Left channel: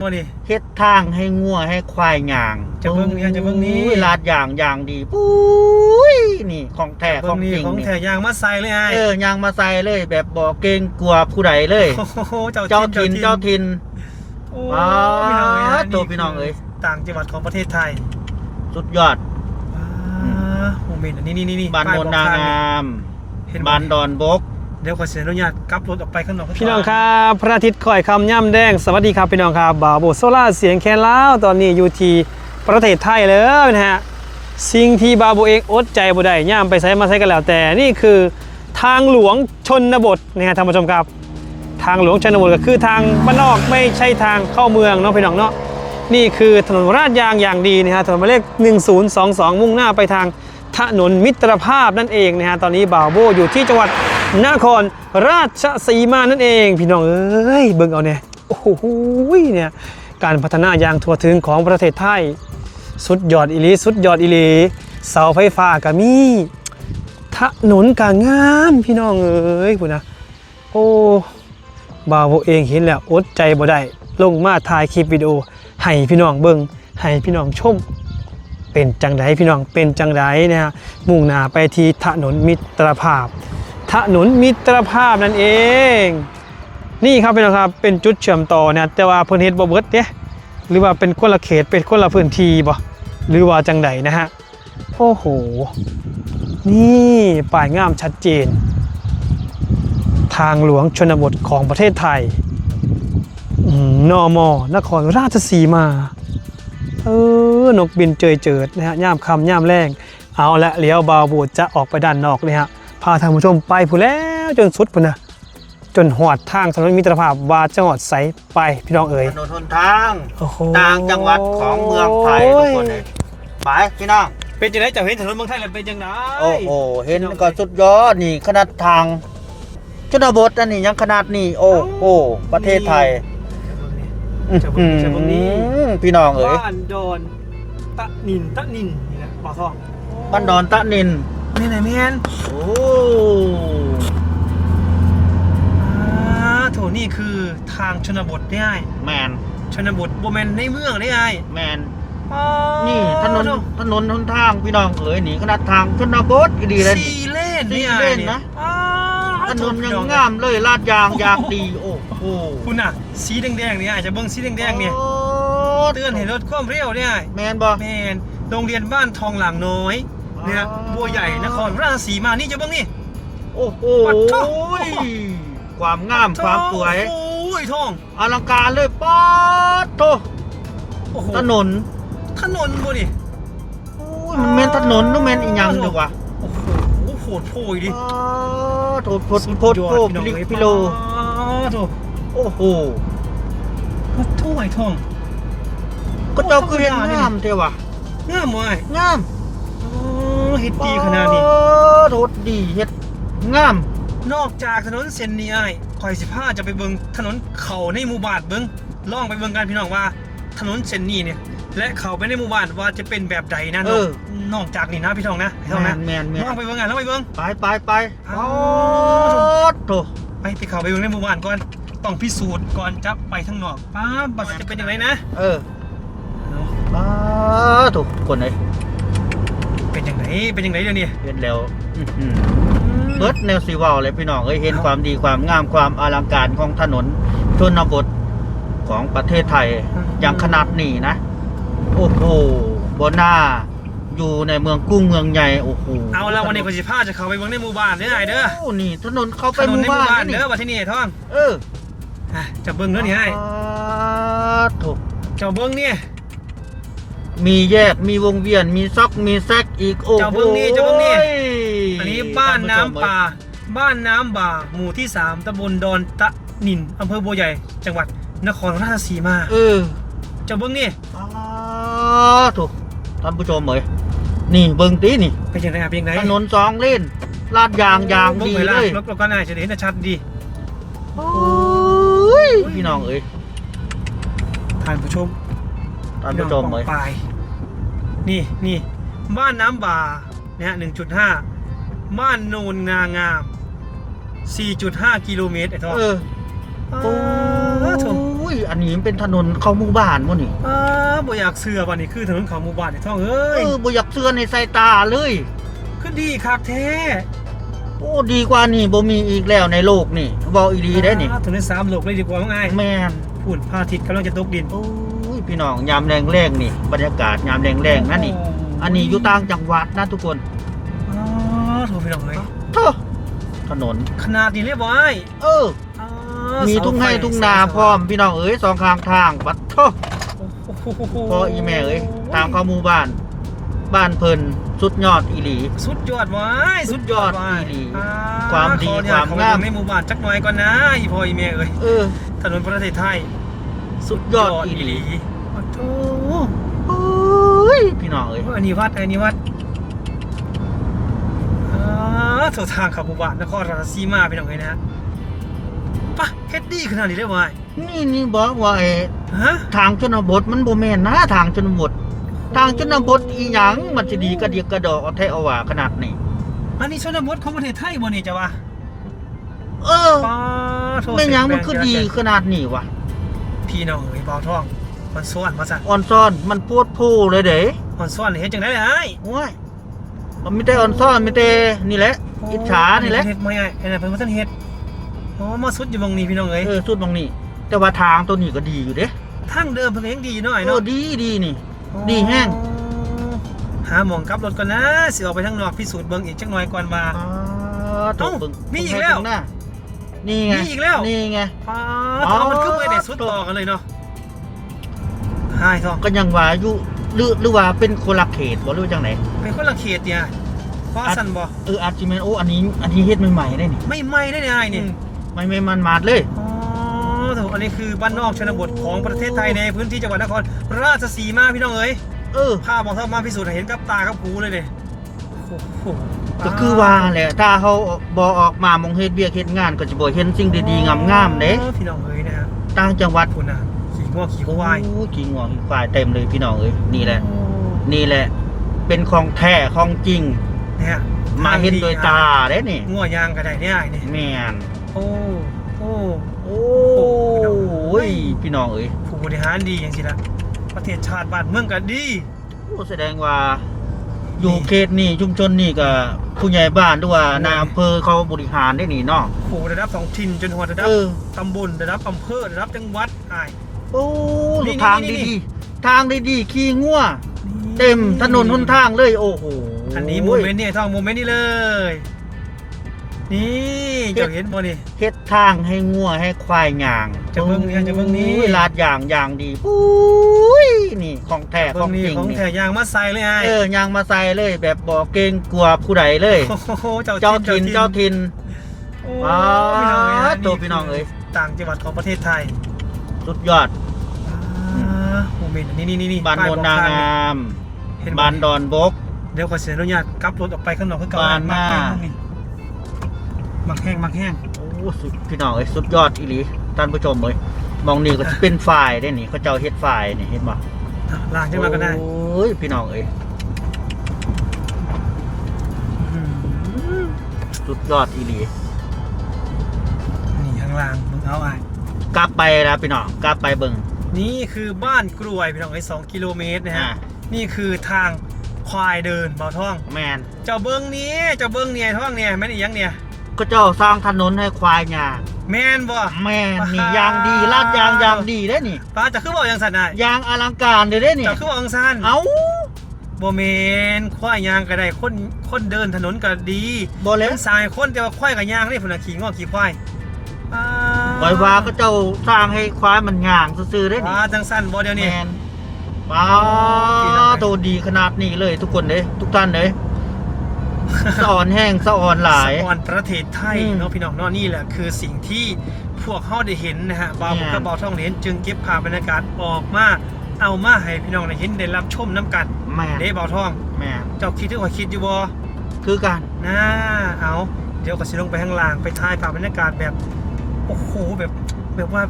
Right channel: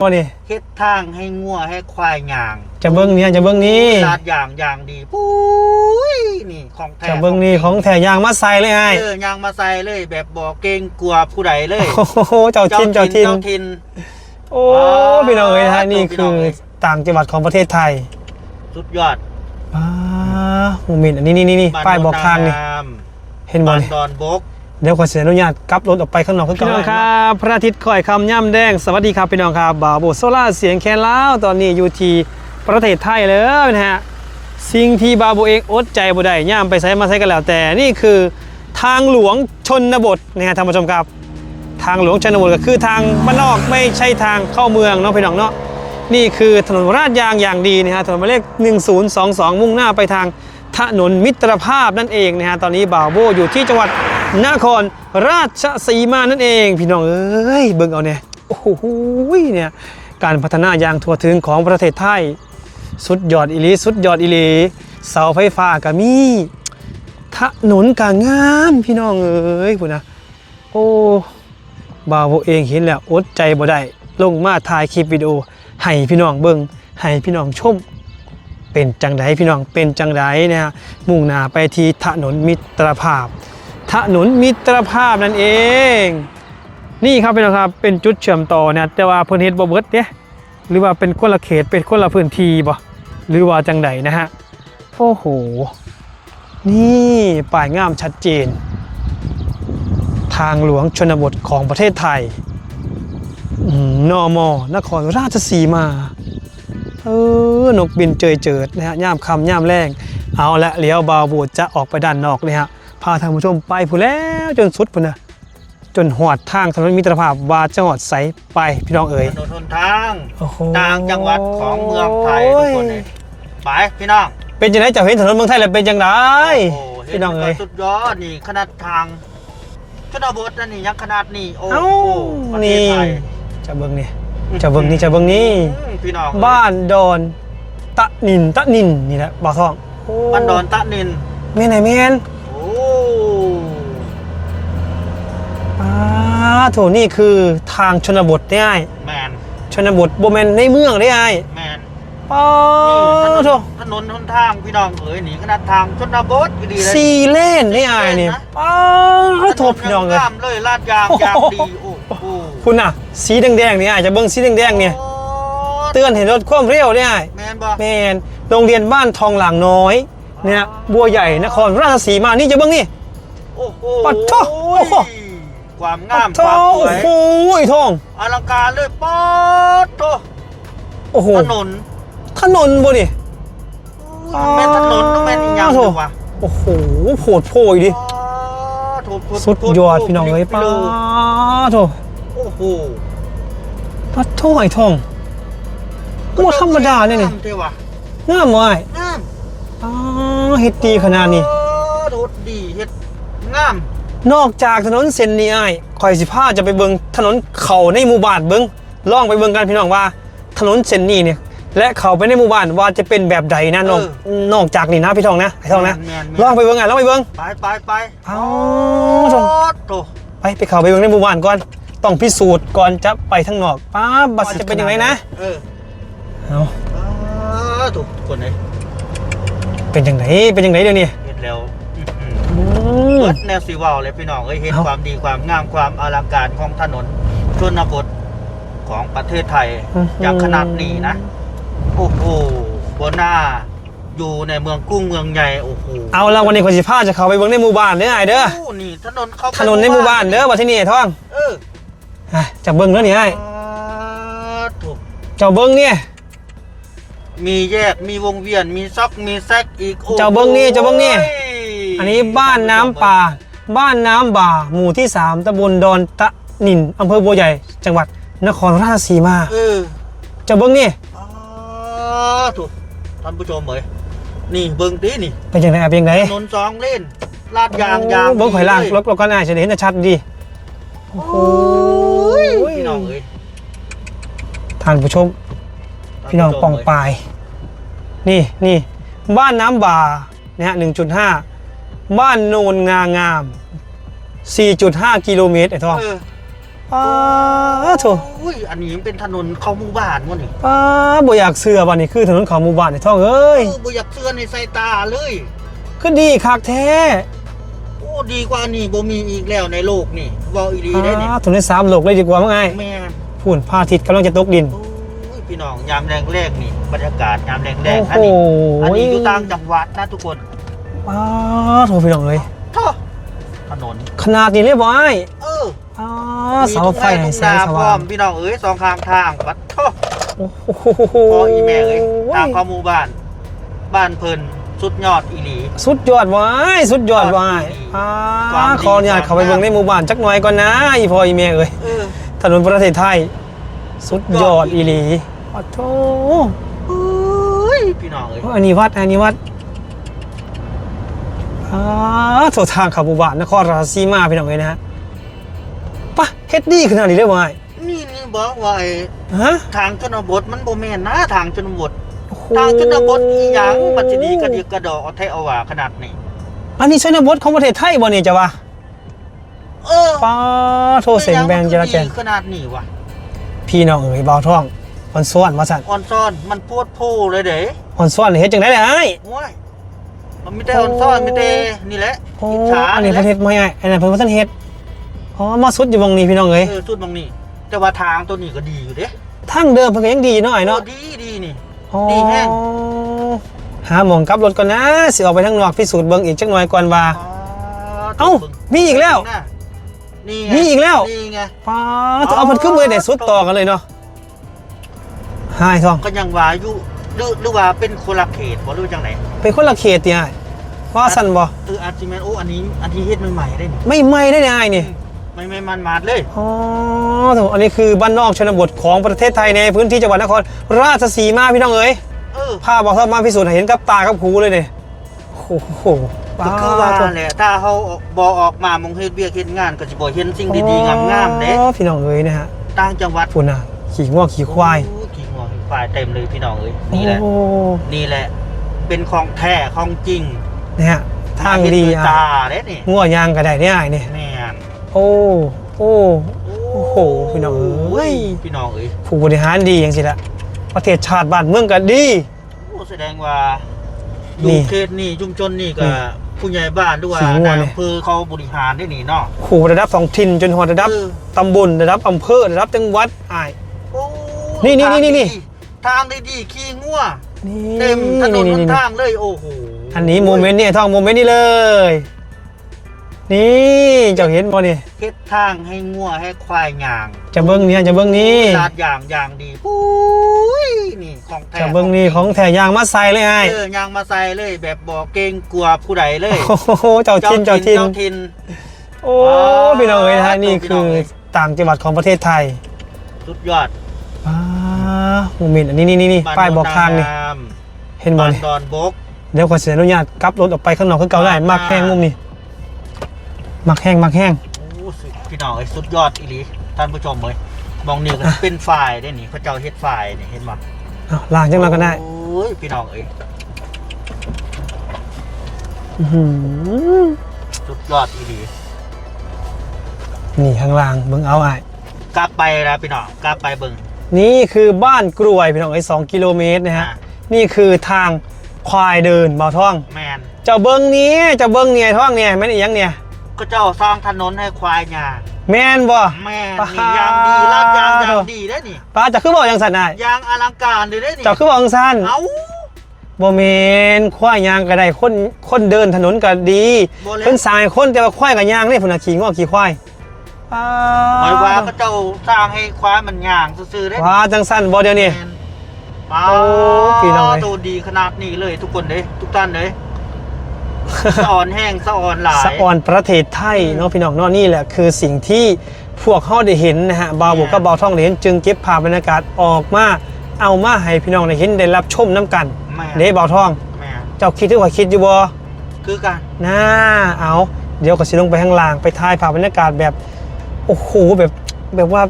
บ่นี่เฮ็ดทางให้งัวให้ควายหยางจะเบิ้งเนี่ยจะเบิ้งนี้ลาดยางยางดีปุ้ยนี่ของแท้จะเบิ้งนี่ของแถยางมาใส่เลยไอ้เออยางมาใส่เลยแบบบ่เกรงกลัวผู้ใดเลยโอ้โหเจ้าทินเจ้าทินเจ้าทินโอ้ว้าวพี่น้องเอ้ยนะฮะนี่พี่คืน้องอเอ้ยต่างจังหวัดของประเทศไทย สุดยอดอ่าโมเมนต์อันนี้นี่นี่นี่บ้านป้ายโนบอกนทางนี่งามเห็นบ่บ้านนี่ดอนบก เดี๋ยวขอเสียอนุญาตกลับรถออกไปข้างนอกพี่น้องครับพระอาทิตย์คอยคำย่ำแดงสวัสดีครับพี่น้องครับบ่าวโบโซล่าเสียงแคนล้าวตอนนี้อยู่ที่ประเทศไทยเลยนะฮะสิ่งที่บาวโบเองอดใจบ่ได้ย่ำไปใช้มาใช้กันแล้วแต่นี่คือทางหลวงชนบทนะฮะท่านผู้ชมครับ ทางหลวงชนบทก็คือทางบ้านนอกไม่ใช่ทางเข้าเมืองเนาะพี่น้องเนาะนี่คือถนนราดยางอย่างดีนะฮะถนนหมายเลข 1022 มุ่งหน้าไปทางถนนมิตรภาพนั่นเองนะฮะตอนนี้บ่าวโบอยู่ที่จังหวัด นครราชสีมานั่นเอง พี่น้องเอ้ยเบิ่งเอาเนี่ยโอ้โหเนี่ยการพัฒนาอย่างทั่วถึงของประเทศไทย สุดยอดอีหลีสุดยอดอีหลีเสาไฟฟ้าก็มีถนนก็งงามพี่น้องเอ้ยพุ่นะโอ้บาวเองเห็นแล้วอดใจบ่ได้ลงมาถ่ายคลิปวิดีโอให้พี่น้องเบิ่งให้พี่น้องชมเป็นจังไดพี่น้องเป็นจังไดนะฮะมุ่งหน้าไปที่ถนนมิตรภาพ ถนนมิตรภาพนั่นเอง นี่ครับพี่น้องครับเป็นจุดเชื่อมต่อนะแต่ว่าเพิ่นเฮ็ดบ่เบิดเด้หรือว่าเป็นคนละเขตเป็นคนละพื้นที่บ่หรือว่าจังไดนะฮะโอ้โห นี่ป้ายงามชัดเจน ทางหลวงชนบทของประเทศไทยนอมอนครราชสีมา เออ นกบินเจยเจิดนะฮะ ย่ามคำย่ามแรง เอาละเลี้ยวบาวบูดจะออกไปด้านนอกเลยฮะ พาท่านผู้ชมไปผู้นแล้วจนสุดพุ่นนะจนหอดทางถนนมิตรภาพวาจะหอดใสไปพี่น้องเอ๋ยถนนหนทางโอ้โหต่างจังหวัดของเมืองไทยทุกคนเลยไปพี่น้องเป็นจังไดเจ้าเห็นถนนเมืองไทยแล้วเป็นจังไดโอ้โหเห็นพี่น้องก็เอ้ยสุดยอดนี่ขนาดทางชนบทอันนี้ยังขนาดนี้โอ้เอ้า โหประเทศไทยจะเบิ่งนี่ จะเบิ่งนี่จะเบิ่งนี่ อืมพี่น้องเอ้ยบ้านดอนตะนินตะนินนี่แหละบ่าวทองโบ้านดอนตะนิน แม่นไหนแม่นโอ้อ่าโถนี่คือทางชนบทได้ไอ้แมนชนบทโบแมนในเมืองได้ไอ้แมนป้านี่ถนนโถถนนหนทางพี่น้องเอ๋ยนี่ขนาดทางชนบทก็ดีเลยซีเลนได้ไอ้สี่เลนนี่นะป้าถโถนนพี่ยัน้องงเลยงามเลยลาดยางโอ้โหยางดีโอ้โหคุณน่ะ สีแดงๆนี่ไอ้จะเบิ่งสีแดงๆเนี่ยโอ้เตือนเห็นรถความเร็วได้ไอ้แมนบอแมนโรงเรียนบ้านทองหลางน้อย เนี่ยบัวใหญ่นครราชสีมานี่จะเบิ่งนี่ โอ้โหปัดโถ่ ความงามโถ่ความสวยโอ้โหทอง อลังการเลยป๊อดโตโอ้โห ถนนถนนบ่นี่ อุ้ยมันแม่นถนนนู่นแม่นอีกอย่างโอ้เดีโหยววะโอ้โหโผดโผยดิ ป๊าดโถโถสุดยอดพี่น้องเอ้ยพี่ป้าน้องโถโอ้โหปัดโถไอ้ทองก็ธรรมดาเนี่ยงานี่มเท่วะงามว่ะไอ้งามอ๋อ เฮ็ดดีขนาดนี้โอ้โถดีเฮ็ดงาม นอกจากถนนเส้นนี้ไอ้คอยสิพาจะไปเบิ่งถนนเขาในหมู่บ้านเบิ่งลองไปเบิ่งกันพี่น้องว่า ถนนเส้นนี้เนี่ย และเขาไปในหมู่บ้านว่าจะเป็นแบบใดนะน้องนอกจากนี่นะพี่ทองนะพี่ทองนะแมนลองไปเบิ่งอะลองไปเบิ่ง ไปไปไปเอาโอ้โถไปไปเขาไปเบิ่งในหมู่บ้านก่อนต้องพิสูจน์ก่อนจะไปทางนอกป้าบบัดสิจะเป็นยังไงนะเออเอาป๊าดโถทุกคนเลย เป็นยังไงเป็นยังไงเดี๋ยวนี้เห็นแล้วอื้อหืออืมรถแนวสีวอลเลยพี่น้องเอ้ยเห็นเอ้าความดีความงามความอลังการของถนนชนบทของประเทศไทยอย่างขนาดนี้นะ โอ้โหบนหน้าอยู่ในเมืองกุ้งเมืองใหญ่โอ้โหเอาละวันนี้คนสิพาจะเขาไปเบิ่งในหมู่บ้านเด้อไอ้เด้อโอ้นี่ถนนเข้าไปถนนในหมู่บ้านเด้อว่าที่นี่ไอ้ทองเอออะจะเบิ่งแล้วนี่ไอ้ป๊าดโถเจ้าเบิ่งเนี่ย มีแยกมีวงเวียนมีซอกมีแซกอีกโอ้โหเจ้าเบิ่งนี่เจ้าเบิ่งนี่ โยอันนี้บ้านน้ำป่า บ้านน้ำบ่า หมู่ที่ 3ตำบลดอนตะนินอำเภอบัวใหญ่ จังหวัดนครราชสีมา เออเจ้าเบิ้งนี่ป๊าดโถท่านผู้ชมเอ้ยนี่เบิ่งตีนี่เป็นยังไงเป็นยังไงถนนสองเลนลาดยางยางเบิ้งข่อยล่างรถรถก็น่าจะได้เห็นชัดดีโอ้ยพี่น้องเอ้ยท่านผู้ชม พี่น้องปองปาย นี่นี่บ้านน้ำบ่านะฮะ1.5บ้านโนนงางาม 4.5 กิโลเมตรไอ้ทองเอออ้าวโถูโอ้ยยอันนี้มันเป็นถนนเข้าหมู่บ้านมั้นี่ป้าบ่อยากเสือวันนี้คือถนนเขาหมู่บ้านในท้องเอ้เอยอบ่อยากเสื้อในสายตาเลยขึ้นดีคักแท้โอ้ดีกว่านี่บ่มีอีกแล้วในโลกนี่บอกอีดีได้นี่อ่าถนนสามโลกเลยดีกว่ามั้งไงแม่นฝุ่นพระอาทิตย์กำลังจะตกดินโอ้ย พี่น้องยามแรงๆนี่ บรรยากาศยามแรงๆอันโอ้นี้โหอันนี้อยู่ต่างจังหวัดนะทุกคนป้าโทรพี่น้องเลยโถ่ถนน ขนาดนี้เลยบ่ไอ้เอออ่ามีเสาทุ่งไฟไร่ทุ่งแสนางสพร้ว่าองมพี่น้องเอ้ยสองข้างทางวัดโถ่โอ้โหพออีแม่เอ้ยทางเข้าหมู่บ้าน บ้านเพิ่นสุดยอดอีหลี สุดยอดว้ายสุดยอดว้ายความดีอ่าขอเนี่ยความเขาไปเบิ่งในหมู่บ้านจักหน่อยก่อนนะอีพ่ออีแม่เอ้ยเออถนนประเทศไทย สุดยอดอีหลี โอ้โหเฮ้ยพี่น้องเอ้ยอันนี้วัดอันนี้วัดอ่าโถทางเขับหมู่บ้านนครราชสีมาพี่น้องเอ้ยนะฮะปะเฮ็ดดีขนาดนี้เลยว้ายนี่นี่บอกว่าไอ้ฮะทางชนบทมันบ่แม่นนะทางชนบท ทางชนบทอีหยังมันสิดีกระเดียกกระดอกเอาแท้เอาว่าขนาดนี้ อันนี้ชนบทของประเทศไทยบ่นี่จะวะเออป้าโทไม่เสียหงยังแบมันงคืจอราดีแจรขนาดนี้วะพี่น้องเอ๋ยบ่าวท้อง อ่อนซ้อนว่าสั่นออนซ่อนมันปวดโพเลยเด้อ่อนซ้อนนี่เฮ็ดจังได๋ล่ะไอ้โอ้ยมันไม่ได้ออนซ่อนไม่ได้นี่แหละโอ้อิจฉาอันนี้นี่แหปละระเทศบ่ใหญ่อันนั้นเพิ่นบ่ทันเฮ็ดอ๋อมาสุดอยู่วงนี้พี่น้องเอ้ยเออสุดตรงนี้ แต่ว่าทางตัวนี้ก็ดีอยู่เด้ทางเดิมเพิ่นก็ยังดีหน่อยเนาะ โอ้ดีดีนี่อ๋อดีแฮงหาหมองกลับรถก่อนนะสิออกไปทางนอกพิสูจน์เบิ่งอีกจักหน่อยก่อนว่า เอ้ามีอีกแล้ว นี่ไงมีอีกแล้ว นี่ไงป้าต้องเอามันขึ้นมือได้สุดต่อกันเลยเนาะ หายทองก็ยังว่าอยู่หรือหรือว่าเป็นคนละเขตบ่หรือว่าจังไหนเป็นคนละเขตติอ้ายว่าสั่นบ่เอออาร์จิเมนโอ้อันนี้อันนี้เฮ็ดใหม่ๆได้นี่ไม่ไหม่ได้เนี่ยอ้ายนี่ไม่ไม่มันมาดเลยอ๋อถูกอันนี้คือบ้านนอกชนบทของประเทศไทยในพื้นที่จังหวัดนครราชสีมาพี่น้องเอ๋ยเออพาบอกทอดมาพิสูจน์ให้เห็นกับตากับหูเลยเนี่ยโอ้โหก็คือว่าแหละถ้าเขาบ่ออกมามงเฮ็ดเบียกเฮ็ดงานก็จะบ่เห็นสิ่งดีๆงามๆเด้อ๋อพี่น้องเอ๋ยนะฮะต่างจังหวัดคุณน่ะขี่ง่วงขี่ควาย โอ้ขี่งวงขี่ควายเต็มเลยพี่น้องเอ้ยนี่แหละ โอ้นี่แหละ เป็นของแท้ของจริงนะฮะมาทางเห็นดีด้วยอะตาเด้นี่ง่วงยางก็ได้เนี่ยไอ้เนี่ยแม่นโอ้โอ้โอ้โหพี่น้องเอ้ยพี่น้องเอ้ยผู้บริหารดีอย่างสิละประเทศชาติบ้านเมืองก็ดีโอ้แสดงว่าอนี่ยู่เขตนี่ชุมชนนี่ก็นี่ผู้ใหญ่บ้านด้วยว่าขี่งัวนายเลยอำเภอเขาบริหารได้นี่เนาะผู้ระดับท้องถิ่นจนหัวระดับเออตำบลระดับอำเภอระดับจังหวัดอ้าย โอ้นี่นี่ทางนี่นี่ ดีทางได้ดีขี่งัวนี่เต็มถนนหนทางเลยโอ้โหอันนี้โมเมนต์เนี่ยท่องโมเมนต์นี่เลย นี่เจ้าเห็นบ่นี่เฮ็ดทางให้งัวให้ควายย่างจะเบิ้งเนี่ยจะเบิ้งนี่ลาดอย่างอย่างดีอุ้ยนี่ของแท้จะเบิ้งนี่ของแถยางมาใส่เลยไอ้เออยางมาใส่เลยแบบบ่เกรงกลัวผู้ใดเลยโอ้โหเจ้าทินเจ้าทินเจ้าทิน โอ้ว้าวพี่น้องเอ้ยนะฮะนี่พี่คืน้องอเอ้ยต่างจังหวัดของประเทศไทย สุดยอดอ่าโมเมนต์อันนี้นี่นี่นี่บ้านป้ายบอกทางนี่โนนงามเห็นบ่บ้านนี่ดอนบก เดี๋ยวขอเสียอนุญาตกลับรถออกไปข้างนอกคือเก่าได้บ้านมักแห้งมุมนี่มักแห้งมักแห้ง โอ้สุดพี่น้องเอ้ยสุดยอดอีหลีท่านผู้ชมเอ้ยมองนี่ก็เป็นฝ่ายได้นี่เขาเจ้าเฮ็ดฝ่ายนี่เห็นบ่อ้าวล้างจังเราก็ได้โอ้ยพี่น้องเอ้ยอื้อหือสุดยอดอีหลีนี่ข้างล่างเบิ่งเอาไอ้าย กลับไปแล้วพี่น้องกลับไปเบิ่งนี่คือบ้านกรวยพี่น้องไอ้ยสองกิโลเมตรนะฮะอ่านี่คือทางควายเดินบ่าวท่อง แมนเจ้าเบิ้งนี้เจ้าเบิ้งเนี่ยท่องเนี่ยแม่นอีหยังเนี่ย ก็เจ้าสร้างถนนให้ควายย่างแม่นบ่แม่นนี่ยางดีลาดยางยางดีได้นี่ป้าจะคือบอกยังสันได้ยางอลังการเด้ได้นี่เจ้าคือบอกยังสันเอ้า บ่แม่นควายยางก็ได้คนคนเดินถนนก็ดีบ่แล้ว เพิ่นสร้างให้คนแต่ว่าควายก็ยางเด้พุ่นน่ะขี่งอขี่ควายป้า หมายว่าก็เจ้าสร้างให้ควายมันย่างซื่อๆได้ว่าจังสันบ่เดี๋ยวนี้ แม่นว้าโอ้พี่น้องเอ้ย โตดีขนาดนี้เลยทุกคนเด้ทุกท่านเด้สะอ่อนแห้งสะอ่อนหลายสะออนประเทศไทยอืมเนาะพี่น้องเนาะนี่แหละคือสิ่งที่พวกเขาได้เห็นนะฮะบาวบุกกับแม่นบาวท่องได้เห็นจึงเก็บภาพบรรยากาศออกมาเอามาให้พี่น้องได้เห็นได้รับชมน้ำกันแม่นเด้บาวท่อง แม่นเจ้าคิดที่ว่าคิดอยู่บ่คือกัน น่าเอา เดี๋ยวก็สิลงไปข้างล่างไปถ่ายภาพบรรยากาศแบบ โอ้โหแบบแบบว่า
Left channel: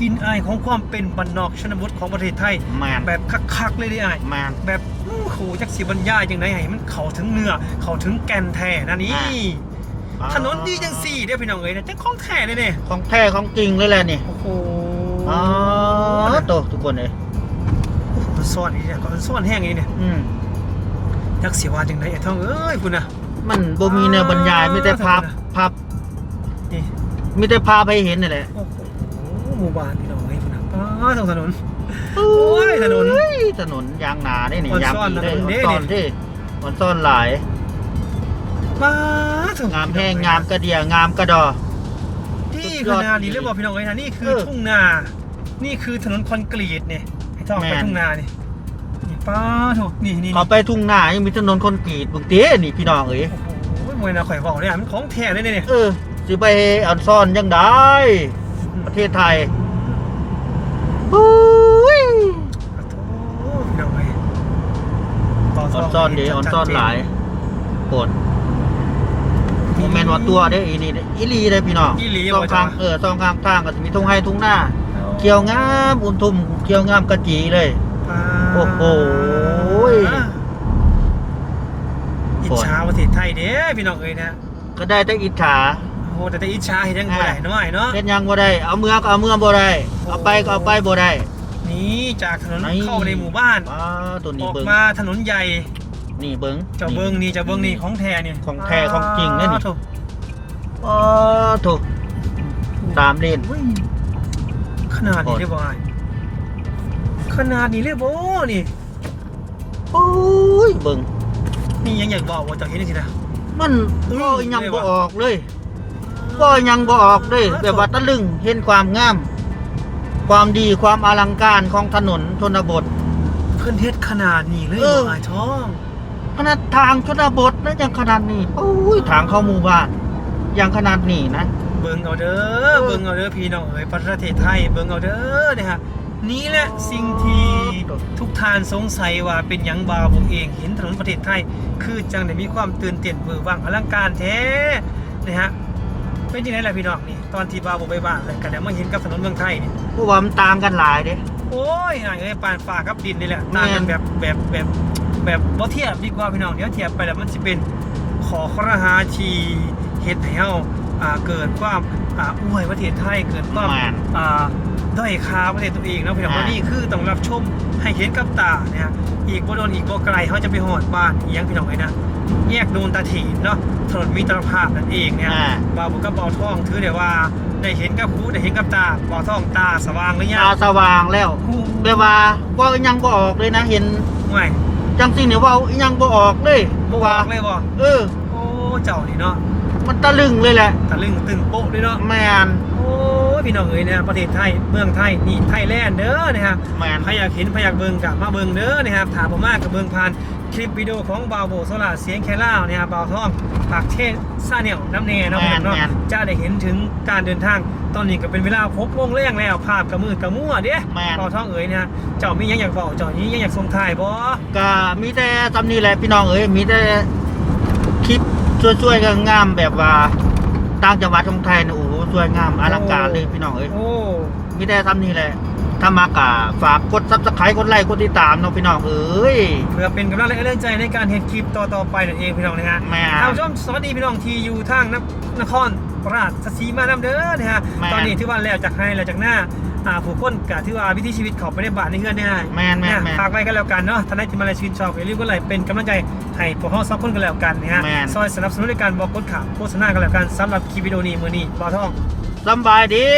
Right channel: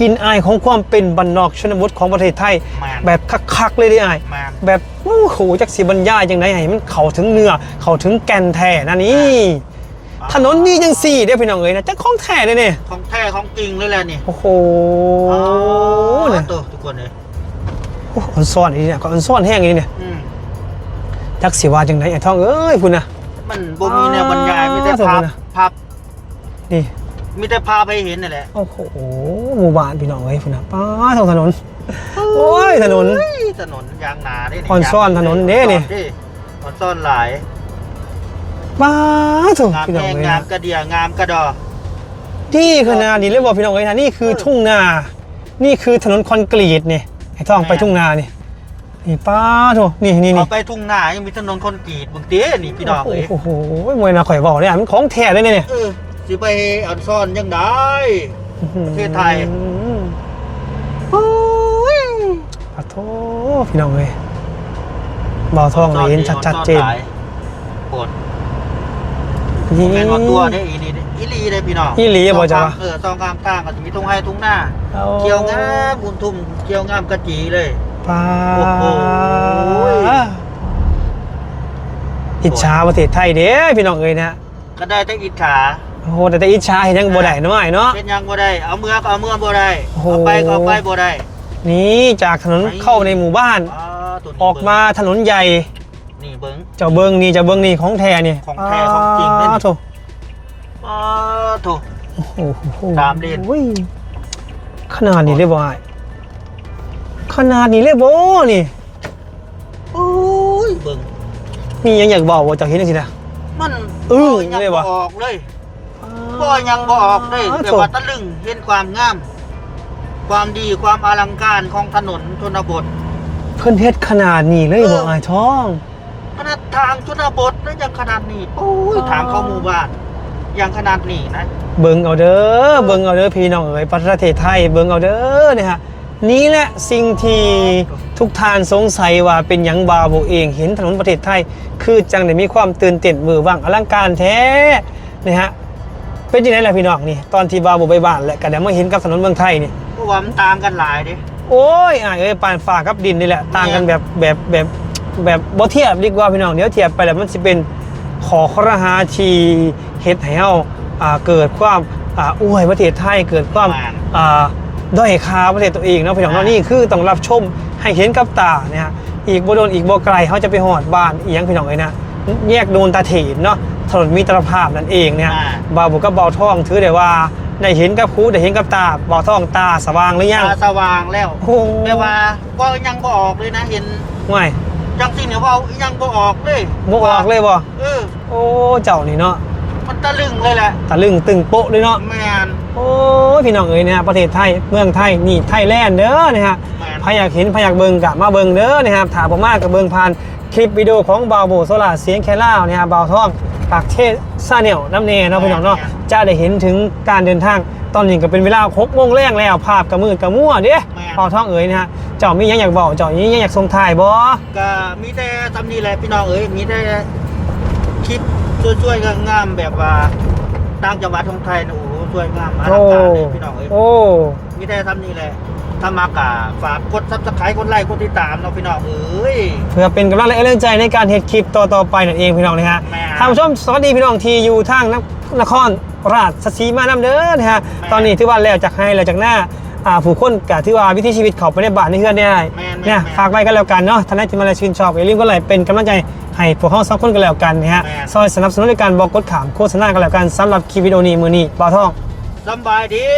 กินอายของความเป็นบรรนอกชนบทของประเทศไทยแม่นแบบคักๆเลยได้อายแม่นแบบโอ้โหจักสิบรรยายยังไงให้มันเข้าถึงเนื้อเข้าถึงแก่นแท้นะนี่ถนนนี่ยังสี่เด้อพี่น้องเอ้ยนะจะคล้องแท้เลยเนี่ยของแท้ของจริงเลยแหละนี่โอ้โหอ๋อเนี่ยตัวทุกคนเลยโอ้โหมันซ่อนอีกเนี่ยก็มันซ่อนแห้งอีกเนี่ยอืมจักสิว่าจังไหนไอ้ท่องเอ้ยคุณนะ มันบ่มีเนื้อบรรยายอ๋อไม่ได้สมมุภาติพนะภาพนี่ไม่ได้ภาพให้เห็นนี่แหละโอ้โหหมู่บ้านพี่น้องเอ้ยคุณนะป้าทางถนน โอ้ยถนน เฮ้ยถนนยางหนาได้นี่อ่อนซ่อนยางถนนเด้นี่ อ่อซ่ออ่อนซ่อนหลาย ป้าถูกงามพี่น้องแห้งเอ้ยงามนะกระเดียงามกระดอ นี่คือนาดีเลยบอกพี่น้องเอ้ยนะนี่คือทุ่งนา นี่คือถนนคอนกรีตเนี่ยไอ้ท่องไปทุ่งนานี่นี่ป้าถูกนี่นี่เขานี่ไปทุ่งนายังมีถนนคอนกรีตบึงเตี้ยนี่พี่น้องเอ้ยโอ้โหมวยนาข่อยบอกเนี่ยมันของแท้เลยเนี่ย เออ สิไปอ่อนซ่อนยังได้ ประเทศไทยเฮ้ยขอโทษพี่น้องเลยบอทองเห็นชัดชัดเจนหลายโปรดแม่นว่าตัวได้อีนี่เด้อีหลีได้พี่น้องอีหลีบ่จ๊ะสงข้างเออสองข้างทางก็จะมีทุ่งไห้ทุ่งนาเกี่ยวงามอุ่นทุ่มเกี่ยวงามกระจีเลยป้าโอ้โหอิจฉาประเทศไทยเด้พี่น้องเอ้ยนะก็ได้แต่อิจฉา โอ้โหแต่แต่อิจฉาเห็นยังบ่ได้น้อยเนาะ เฮ็ดหยังบ่ได้ เอาเมือก็เอาเมือบ่ได้โอ้โหเอาไปก็เอาไปบ่ได้นี่จากถนนเข้าในหมู่บ้าน อ้าตัวนี้ออกมาถนนใหญ่เบิ่งนี่เบิ่งเจ้าเบิงนี่เจ้าเบิงนี่ของแท้นี่ของแท้ของจริงเด้นี่อ้าวโถอ๋อโถ โอ้โหสามเลน โอ้ยขนาดนี้เลยบ่ไอ้ขนาดนี้เลยบ่นี่ โอ้ยเบิ่งมีหยังอยากบอกว่าเจ้าเห็นจังซี่นะ มันเออบ่ยังนี่บ่วะ ออกเลย บ่ยังบ่ออกเลยอ้าว แต่ว่าตะลึงเห็นความงาม ความดีความอลังการของถนนชนบท เพิ่นเฮ็ดขนาดนี้เลยเอบ่อไอ้ท้อง ขนาดทางชนบทนะยังขนาดนี้โอ้ยทางเข้าหมู่บ้านยังขนาดนี้นะ เบิ่งเอาเด้อ เบิ่งเอาเด้อพี่น้องเอ๋ยประเทศไทย เบิ่งเอาเด้อนะฮะนี่แหละสิ่งที่ทุกท่านสงสัยว่าเป็นหยังบาโบเอง เห็นถนนประเทศไทย คือจังได้มีความตื่นเต้นมือว่างอลังการแท้นะฮะ เป็นยังไงล่ะพี่น้องนี่ตอนที่บาโบไปบ้านและก็ได้มาเห็นกับถนนเมืองไทยนี่เพราะว่ามันต่างกันหลายเด้โอ้ยอะเอ้ยปานฟ้ากับดินนี่แหละต่างกันแบบแบบแบบแบบบ่เทียบดีกว่าพี่น้องเดี๋ยวเทียบไปแล้วมันสิเป็นขอครหาที่เฮ็ดให้เฮาอ่าเกิดความอ่าอวยประเทศไทยเกิดความอ่าด้อยค่าประเทศตัวเองเนาะพี่น้องเนาะนี่คือต้องรับชมให้เห็นกับตานะฮะอีกบ่โดนอีกบ่ไกลเฮาจะไปฮอดบ้านอีหยังพี่น้องเอ้ยนะแยกโดนตาเถนเนาะ ถนนมิตรภาพนั่นเองเนี่ยอ่าบ่าวบุกกับบ่าวทองถือได้ว่าได้เห็นกับคูได้เห็นกับตาบ่าวทองตาสว่างหรือยังตาสว่างแล้วโอ้แต่ว่าก็ยังบ่ออกเลยนะเห็นไม่จังสิเนี่ยเว่ายังบ่ออกเลยบ่ออกเลยบ่เออ โอ้เจ้านี่เนาะมันตะลึงเลยแหละตะลึงตึงโป๊ะเลยเนาะ แมนโอ้ยพี่น้องเอ้ยนะประเทศไทยเมืองไทยนี่ไทยแลนด์เด้อนะฮะแมน ใครอยากเห็นใครอยากเบิ่งกะมาเบิ่งเด้อนะครับถามผมมากกับเบิ่งผ่าน คลิปวิดีโอของบาวโบโซลาเสียงแค่ล่าวนะครับบาวท่องปากเทศซาเนียวน้ำเนเนาะพี่น้องเนาะจะได้เห็นถึงการเดินทางตอนนี้ก็เป็นเวลาครบโมงแรงแล้วภาพกับมืดกับมั่วเด้บาวท่องเอ๋ยนะฮะเจ้ามีหยังอยากบอกเจ้ามีหยังอยากส่งถ่ายบ่ก็มีแต่ทำนี่แหละพี่น้องเอ้ยมีแต่คลิปช่วยๆงามๆแบบว่าต่างจังหวัดของไทยนะโอ้โหสวยงามอลังการเลยพี่น้องเอ้ยโอ้ มีแต่ทำนี่แหละ ถ้ามากะฝากกดซับสไครต์กดไลค์กดติดตามเนาะพี่น้องเอ้ย เพื่อเป็นกำลังและแรงใจในการเฮ็ดคลิปต่อๆไปนั่นเองพี่น้องนะฮะแม่ท่านผู้ชมสวัสดีพี่น้องที่อยู่ทางนนครราชสีมานำเด้อนะฮะแม่ ตอนนี้ที่ว่าแล้วจากให้แล้วจากหน้าอ่าผู้คนกับที่ว่าวิถีชีวิตเขาไปในบ้านในเฮือนได้แม่นแม่นเนี่ยแม่นฝากไว้กันแล้วกันเนาะท่านใดที่มาแล้วชื่นชอบอย่าลืมก็เลยเป็นกำลังใจให้พวกเขาสองคนกันแล้วกันนะฮะแม่น ซอยสนับสนุนในการบอกกดขามโฆษณากันแล้วกันสำหรับคลิปวิดีโอนี้มือนี้บ่าวทอง สบายดี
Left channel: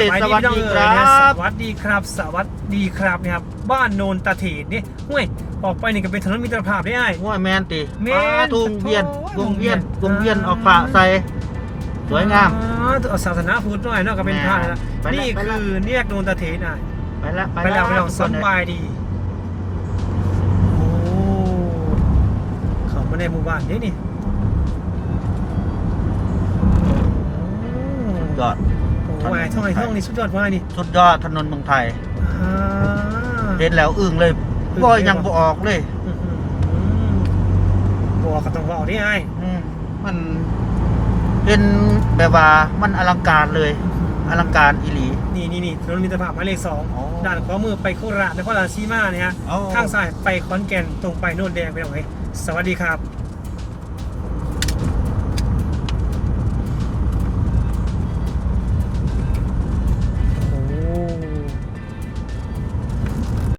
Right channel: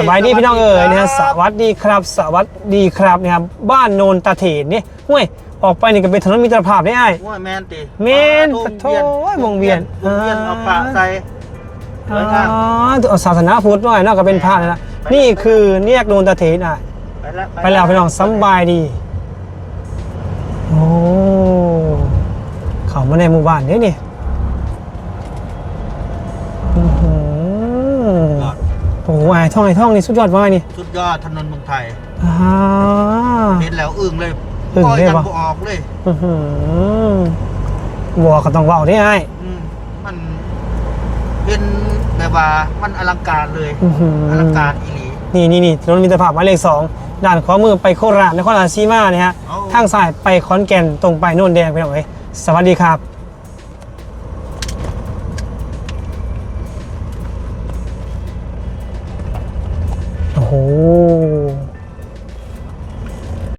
สบายดีพี่น้องเอ๋ยนะฮะสครับวัสดีครับสวัสดีครับนะครับบ้านโนนตาเถนนี่ห้วยออกไปนี่ก็เป็นถนนมิตรภาพได้ไอ้ายโอ้ยแมนติแม่นวงโถ่วงเวียนวงเวียนเอาปะใส่สวยงามอ๋อศาสนาพุทธหน่อยเนอกก็เป็นพระนะไปนี่คือเนียกโนนตาเถนอะไปแล้วไปแล้วไปลองสำบายดีโอ้เขามาในหมู่บ้านนี่นี่อื้อหือ ก็ โอ้โหไอ้ท่องไอ้ท่องนี่สุดยอดว่านี่สุดยอดถนนเมืองไทยอ่าเห็นแล้วอึ้งเลยอึ้งก็เลยยังวะบ่ออกเลยอื้อหือวัวก็ต้องเว่าได้ไอ้อืมมันเป็นแบบว่ามันอลังการเลยอื้อหืออลังการอีหลีนี่นี่นี่ถนนมิตรภาพหมายเลขสองโอ้ด้านขวามือไปโคราชนครราชสีมาเนี่ยฮะโอ้ทางซ้ายไปขอนแก่นตรงไปโน่นแดงไปหน่อยสวัสดีครับ